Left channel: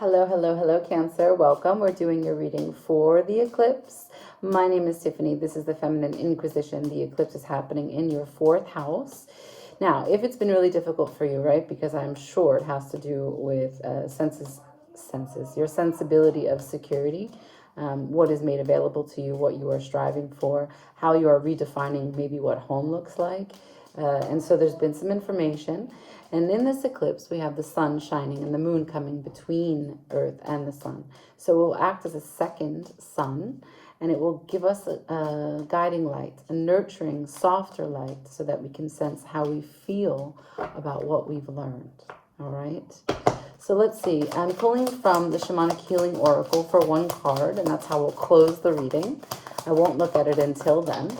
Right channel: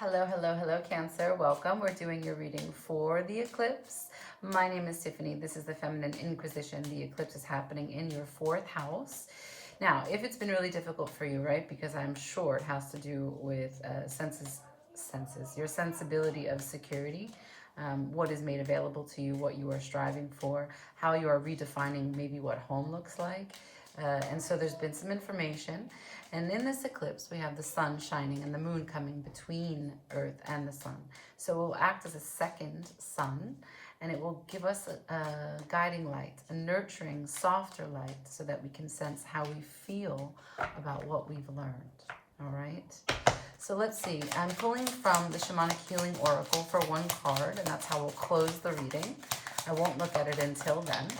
Hello, hello, hello, Cancer. Welcome. We're doing your reading for the eclipse. My name is Tiffany. This is the Feminine Inquisition. The eclipse is happening in your 4th house. Now, if it's been really difficult for you, right, because I'm sure it has to do with your sensibility of security, what is made available to you, what you are striving for, how you are redefining maybe what home looks like. And so there's been some information. And in this eclipse, we have the sun shining and the moon coming between Earth and the sun. So it will act as a second sun, and it will give us a guiding light, a nurturing, softer light, so that we can sense how we feel about what we've learned. All right? So let's see. I'm pulling from the Shamanic Healing Oracle for one card, and that's how we'll close the reading. I won't look at it until then.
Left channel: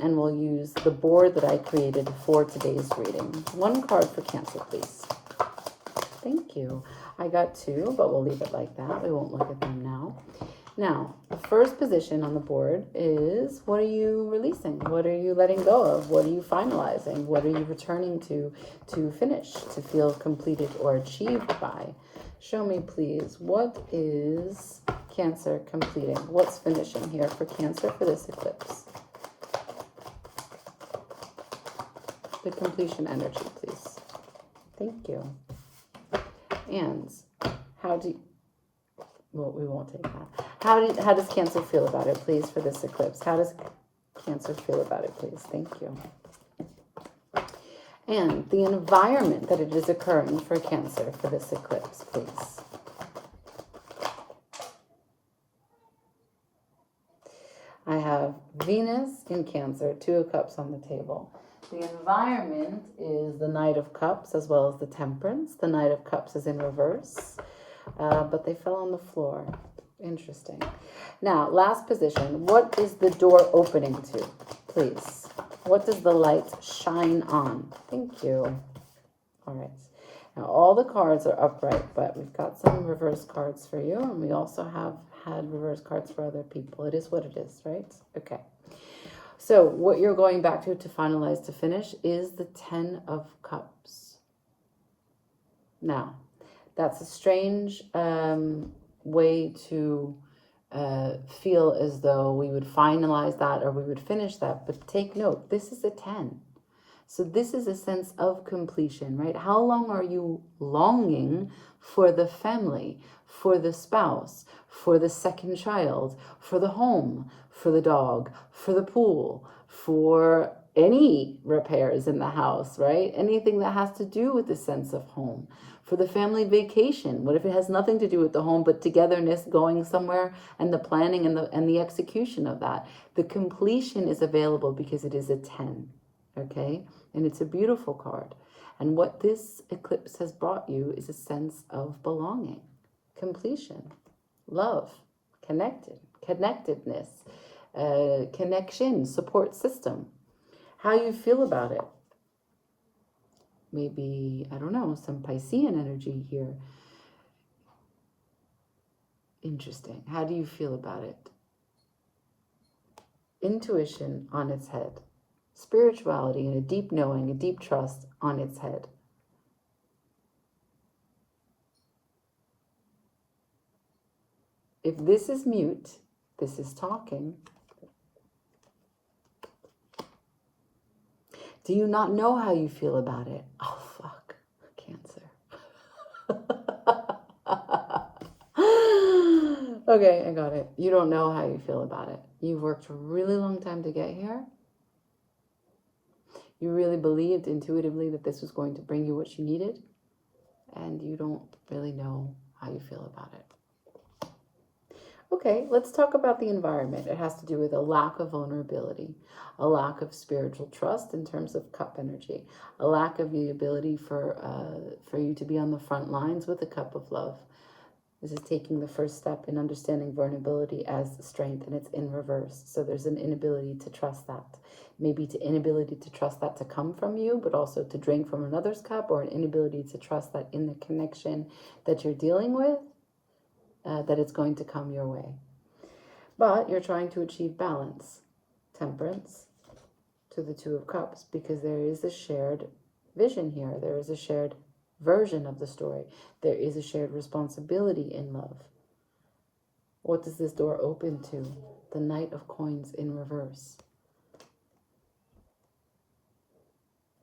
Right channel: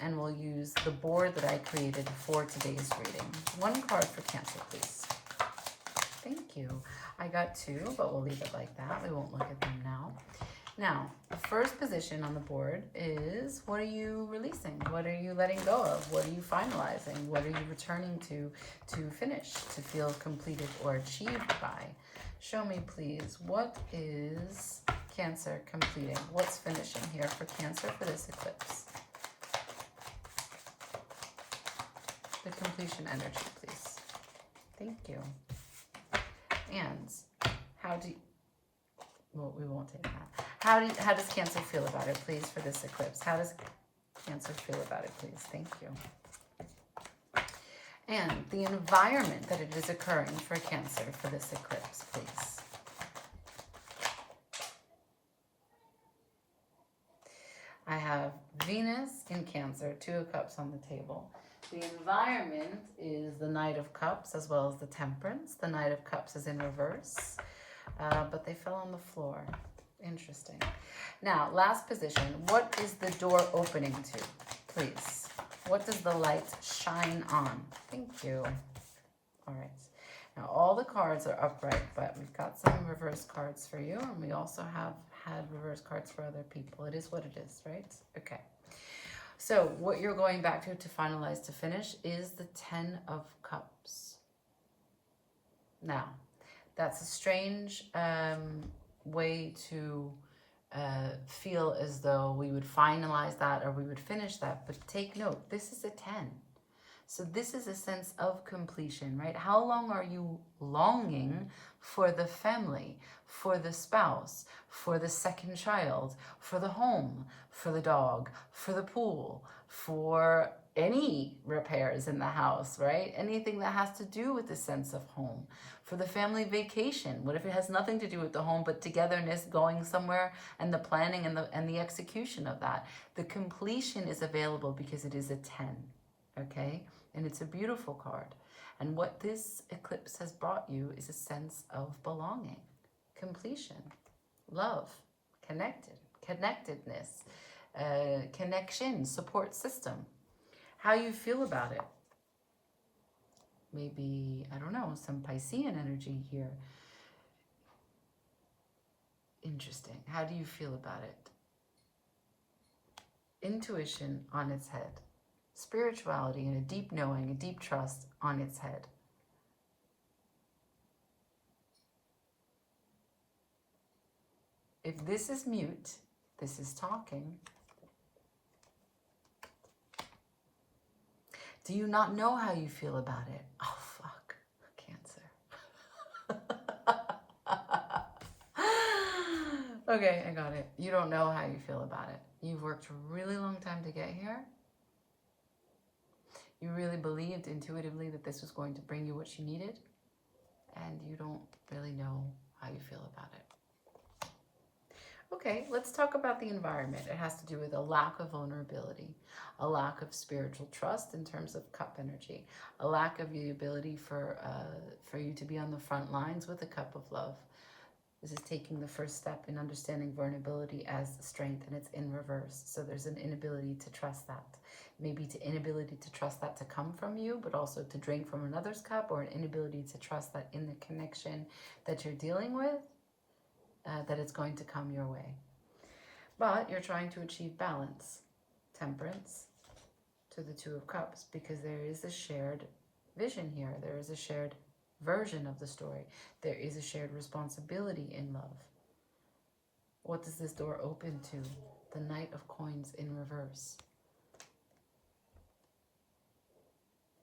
And we'll use the board that I created for today's reading. One card for Cancer, please. Thank you. I got 2, but we'll leave it like that. We won't look at them now. Now, the first position on the board is, what are you releasing? What are you letting go of? What are you finalizing? What are you returning to finish, to feel completed or achieved by? Show me, please, what is Cancer completing? What's finishing here for Cancer for this eclipse? The completion energy, please. Thank you. And how do you, well, we won't take that. How does Cancer feel about it, please, for this eclipse? How does Cancer feel about it, please? Thank you. And the environment that it is occurring for Cancer for this eclipse, please. I have Venus in Cancer, 2 of Cups on the table. The environment is the Knight of Cups as well as the Temperance. The Knight of Cups is in reverse, but they fell on the floor. Interesting. Now, last position. What is the door opening to, please? What does the light shine on? Thank you. All right. Now, all the cards are upright, but we've got some reverse cards for you, and we also have had reverse cards for other people. It is what it is, right? Okay. So what you're going back to finalize, to finish, is the 10 of Cups. Now, that's a strange way to feel as though we would finalize that or we would finish that. But take note, this is a 10. So this is a sense of completion, right? How long are you longing for the family, for the spouse, for the second child, for the home, for the dog, for the pool, for any repairs in the house, right? Anything that has to do with the sense of home, for the family vacation. What if it has nothing to do with the home, but togetherness, going somewhere, and the planning and the execution of that? The completion is available because it is a 10. Okay, and it's a beautiful card. And what this eclipse has brought you is a sense of belonging, completion, love, connectedness, connection, support system. How you feel about it? Maybe, I don't know, some Piscean energy here. Interesting. How do you feel about it? Intuition on its head. Spirituality and a deep knowing, a deep trust on its head. If this is mute, this is talking. Do you not know how you feel about it? Oh, fuck. Cancer. Okay, I got it. You don't know how you feel about it. You've worked a really long time to get here. You really believed intuitively that this was going to bring you what you needed, and you don't really know how you feel about it. Okay, let's talk about the environment. It has to do with a lack of vulnerability, a lack of spiritual trust in terms of cup energy, a lack of the ability for you to be on the front lines with a cup of love. This is taking the first step in understanding vulnerability as strength, and it's in reverse. So there's an inability to trust that. Maybe to inability to trust that to come from you, but also to drink from another's cup, or an inability to trust that in the connection that you're dealing with, that it's going to come your way. But you're trying to achieve balance, temperance, to the 2 of Cups, because there is a shared vision here. There is a shared version of the story. There is a shared responsibility in love. What does this door open to? The Knight of Coins in reverse.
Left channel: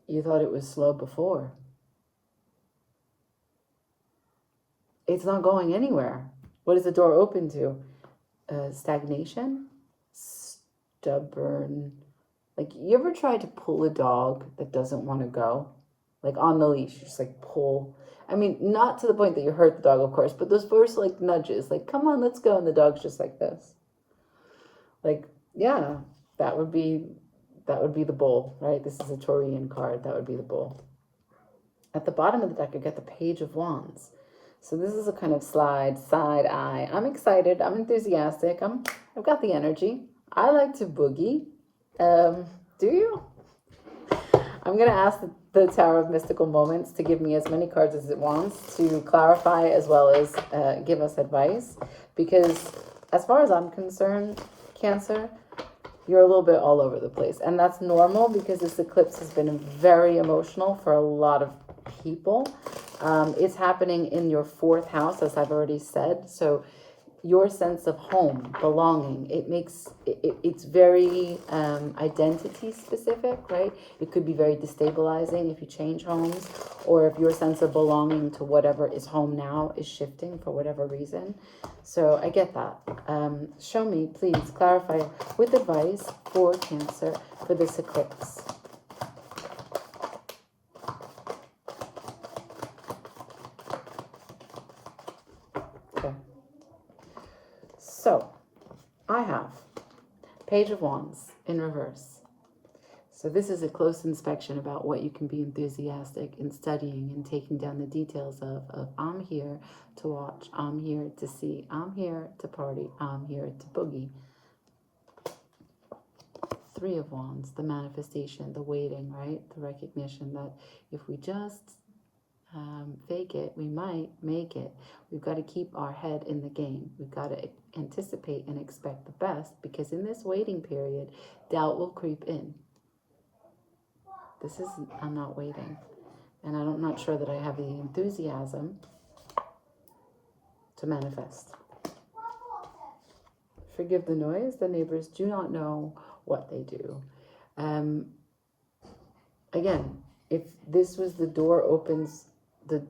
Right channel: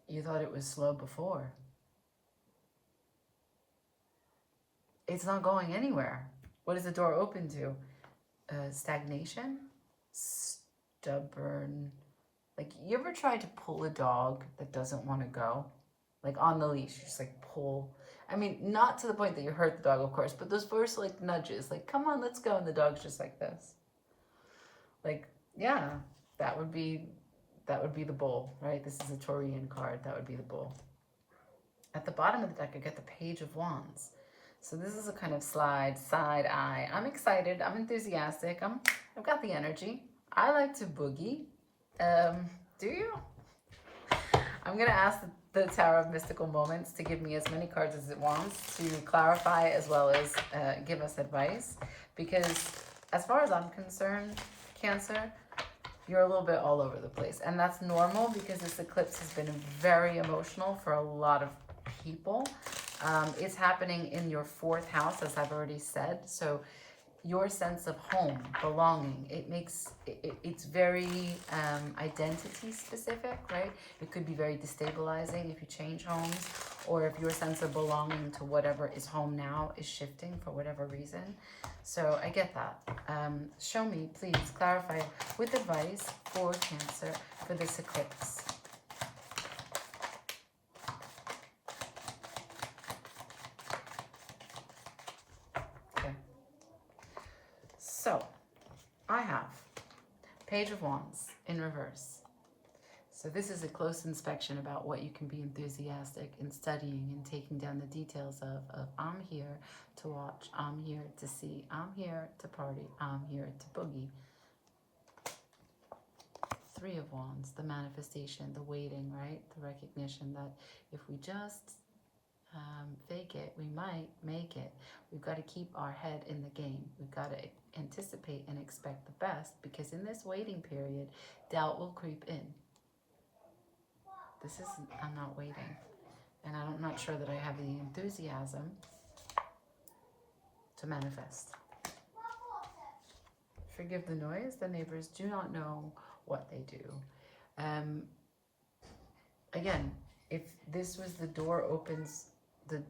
You thought it was slow before. It's not going anywhere. What is the door open to? Stagnation? Stubborn. Like, you ever tried to pull a dog that doesn't want to go? Like, on the leash, you just like pull. I mean, not to the point that you hurt the dog, of course, but those first like nudges, like, come on, let's go. And the dog's just like this. Like, yeah, that would be the bull, right? This is a Taurian card. That would be the bull. At the bottom of the deck, I get the Page of Wands. So this is a kind of side eye. I'm excited. I'm enthusiastic. I've got the energy. I like to boogie. Do you? I'm going to ask the Tower of Mystical Moments to give me as many cards as it wants to clarify as well as give us advice. Because as far as I'm concerned, Cancer, you're a little bit all over the place. And that's normal because this eclipse has been very emotional for a lot of people. It's happening in your 4th house, as I've already said. So your sense of home, belonging, it's very identity specific, right? It could be very destabilizing if you change homes, or if your sense of belonging to whatever is home now is shifting for whatever reason. So I get that. Show me, please, clarify with advice for Cancer for this eclipse. So, I have Page of Wands in reverse. So this is a close inspection about what you can be enthusiastic in studying and taking down the details of I'm here to watch, I'm here to see, I'm here to party, I'm here to boogie. 3 of Wands, the manifestation, the waiting, right? The recognition that if we just fake it, we might make it. We've got to keep our head in the game. We've got to anticipate and expect the best, because in this waiting period, doubt will creep in. I'm not waiting. And I'm not sure that I have the enthusiasm to manifest. Forgive the noise. The neighbors do not know what they do. Again, if this was the door opens,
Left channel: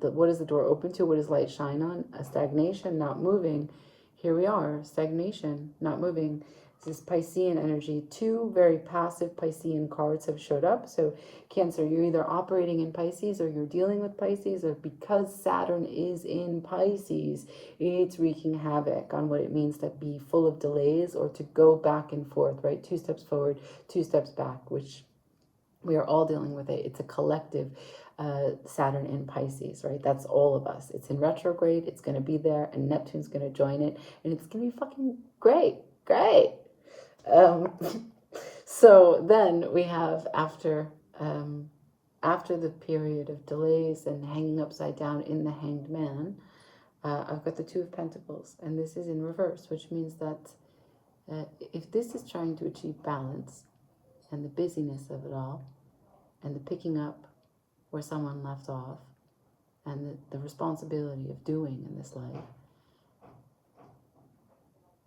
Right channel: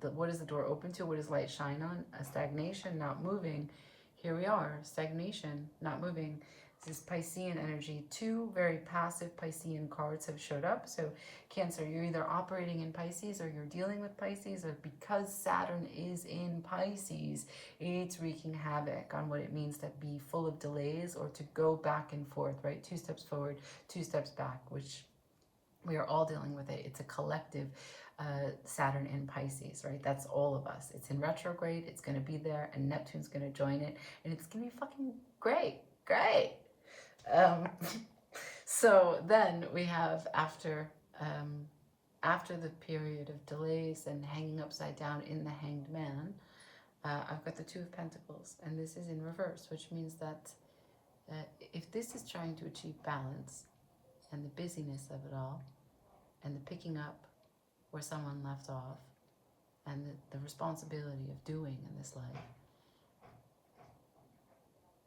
what is the door open to? What does light shine on? A stagnation, not moving. Here we are, stagnation, not moving. This is Piscean energy. 2 very passive Piscean cards have showed up. So Cancer, you're either operating in Pisces or you're dealing with Pisces, or because Saturn is in Pisces, it's wreaking havoc on what it means to be full of delays or to go back and forth, right? 2 steps forward, 2 steps back, which we are all dealing with it. It's a collective Saturn in Pisces, right? That's all of us. It's in retrograde. It's going to be there, and Neptune's going to join it, and it's going to be fucking great. So then we have after the period of delays and hanging upside down in the Hanged Man, I've got the 2 of Pentacles, and this is in reverse, which means that if this is trying to achieve balance and the busyness of it all and the picking up where someone left off and the responsibility of doing in this life,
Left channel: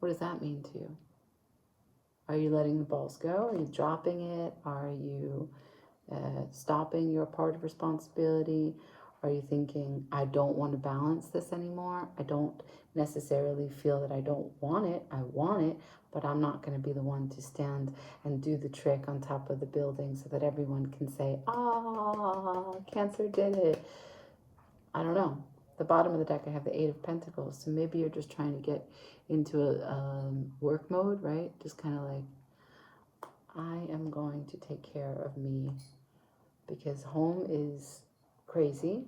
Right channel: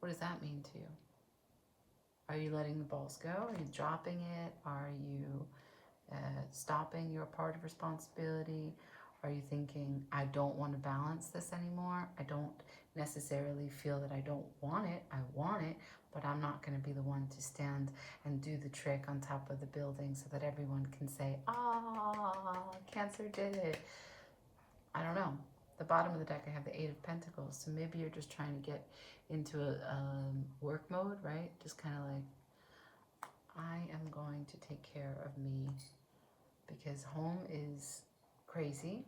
what does that mean to you? Are you letting the balls go? Are you dropping it? Are you stopping your part of responsibility? Are you thinking, I don't want to balance this anymore? I don't necessarily feel that I don't want it. I want it, but I'm not going to be the one to stand and do the trick on top of the building so that everyone can say, Cancer did it. I don't know. The bottom of the deck, I have the 8 of Pentacles. So maybe you're just trying to get into a work mode, right? Just kind of like, I am going to take care of me because home is crazy.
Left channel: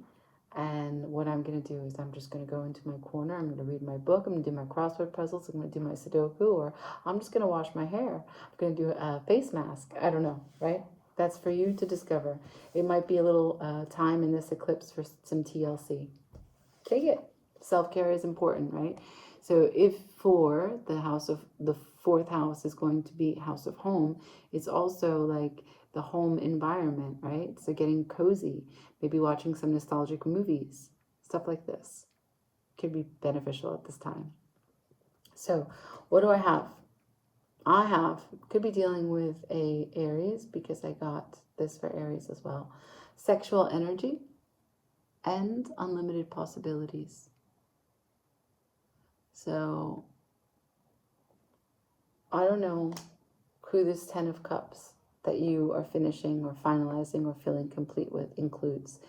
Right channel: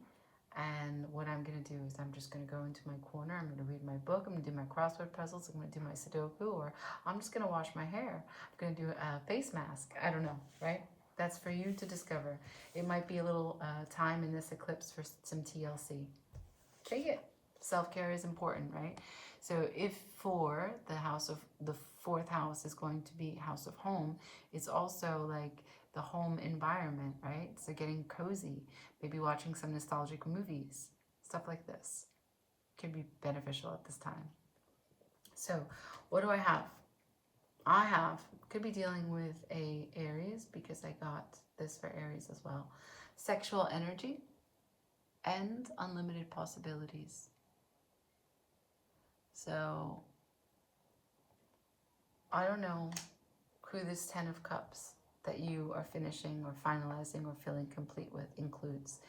And what I'm going to do is I'm just going to go into my corner. I'm going to read my book. I'm going to do my crossword puzzles. I'm going to do my Sudoku, or I'm just going to wash my hair. I'm going to do a face mask. I don't know, right? That's for you to discover. It might be a little time in this eclipse for some TLC. Take it. Self-care is important, right? So if for the 4th house is going to be house of home, it's also like the home environment, right? So getting cozy, maybe watching some nostalgic movies, stuff like this could be beneficial at this time. So what do I have? Could be dealing with a Aries, because I got this for Aries as well. Sexual energy and unlimited possibilities. So I don't know who this 10 of Cups that you are finishing or finalizing or feeling complete with includes.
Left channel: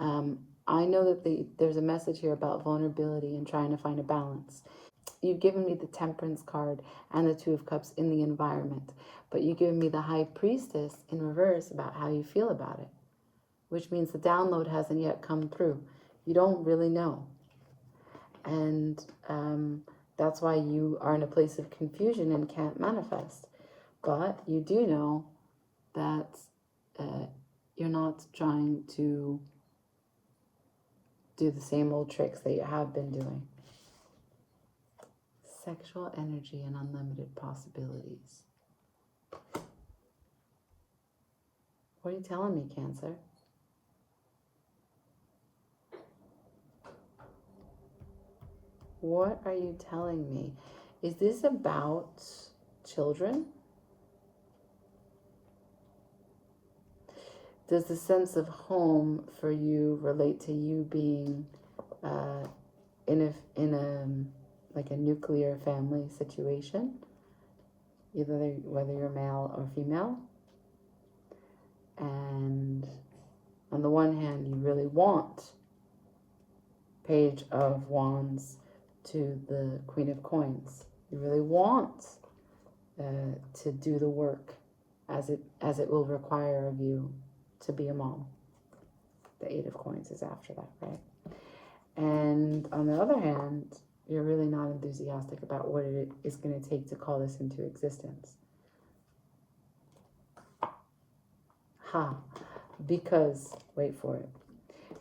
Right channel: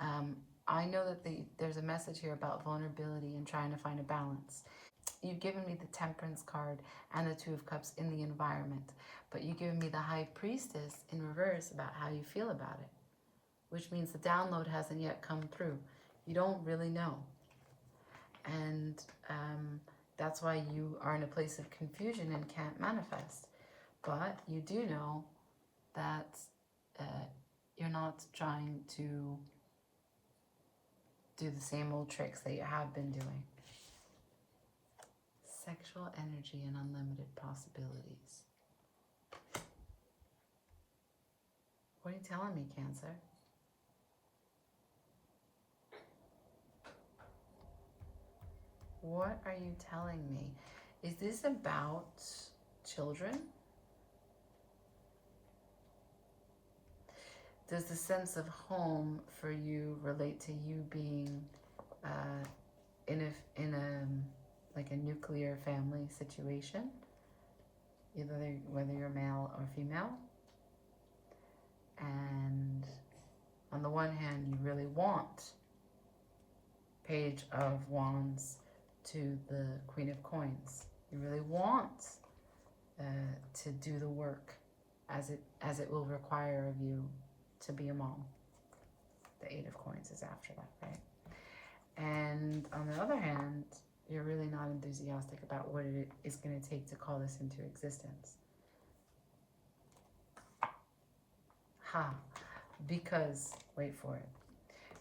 I know that there's a message here about vulnerability and trying to find a balance. You've given me the Temperance card and the Two of Cups in the environment, but you've given me the High Priestess in reverse about how you feel about it, which means the download hasn't yet come through. You don't really know. And that's why you are in a place of confusion and can't manifest. But you do know that you're not trying to do the same old tricks that you have been doing. Sexual energy and unlimited possibilities. What are you telling me, Cancer? What are you telling me? Is this about children? Does the sense of home for you relate to you being in a like a nuclear family situation, whether you're male or female? And on the one hand, you really want Page of Wands to the Queen of Coins. You really want to do the work as it will require of you to be a mom. The Eight of Coins is after that, right? And on the other hand, you're really not enthusiastic about what it is going to take to call this into existence. Because, wait for it,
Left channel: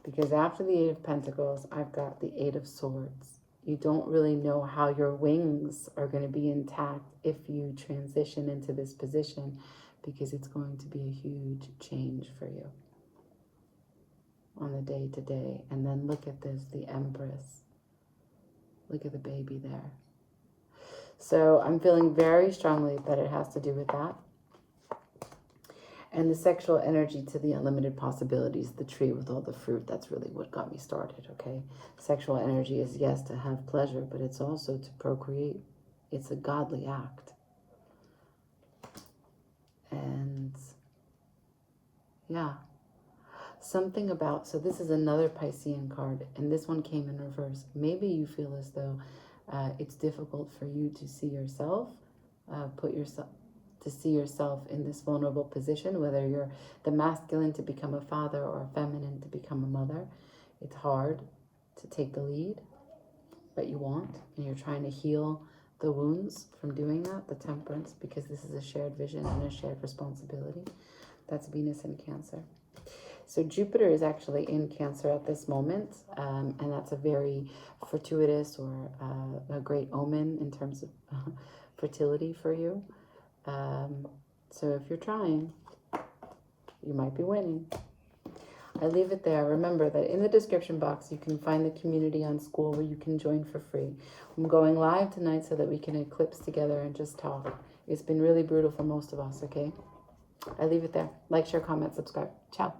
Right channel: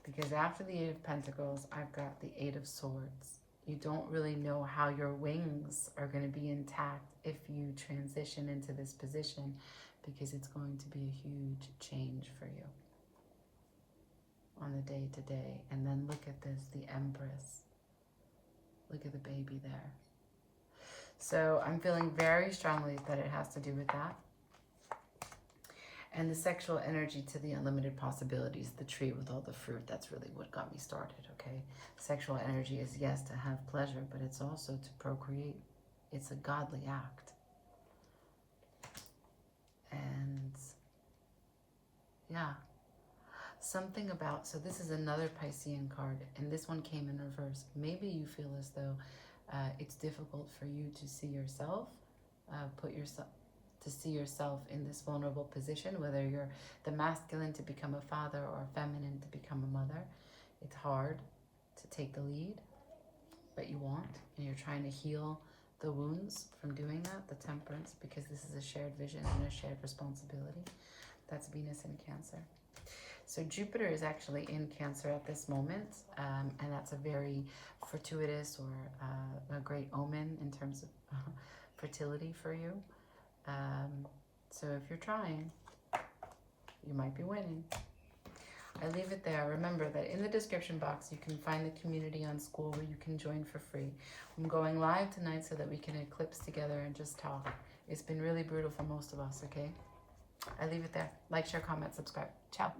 because after the Eight of Pentacles, I've got the Eight of Swords. You don't really know how your wings are going to be intact if you transition into this position, because it's going to be a huge change for you on the day-to-day. And then look at this, the Empress. Look at the baby there. So I'm feeling very strongly that it has to do with that. And the sexual energy to the unlimited possibilities, the tree with all the fruit, that's really what got me started, okay? Sexual energy is, yes, to have pleasure, but it's also to procreate. It's a godly act. And, yeah. Something about, so this is another Piscean card, and this one came in reverse. Maybe you feel as though it's difficult for you to see yourself, to see yourself in this vulnerable position, whether you're the masculine to become a father or feminine to become a mother. It's hard to take the lead, but you want, and you're trying to heal the wounds from doing that, the Temperance, because this is a shared vision and a shared responsibility. That's Venus in Cancer. So Jupiter is actually in Cancer at this moment, and that's a very fortuitous or a great omen in terms of fertility for you. So if you're trying, you might be winning. I leave it there. Remember that in the description box, you can find the community on School where you can join for free. I'm going live tonight so that we can eclipse together and just talk. It's been really brutal for most of us, okay? I leave it there. Like, share, comment, subscribe. Ciao.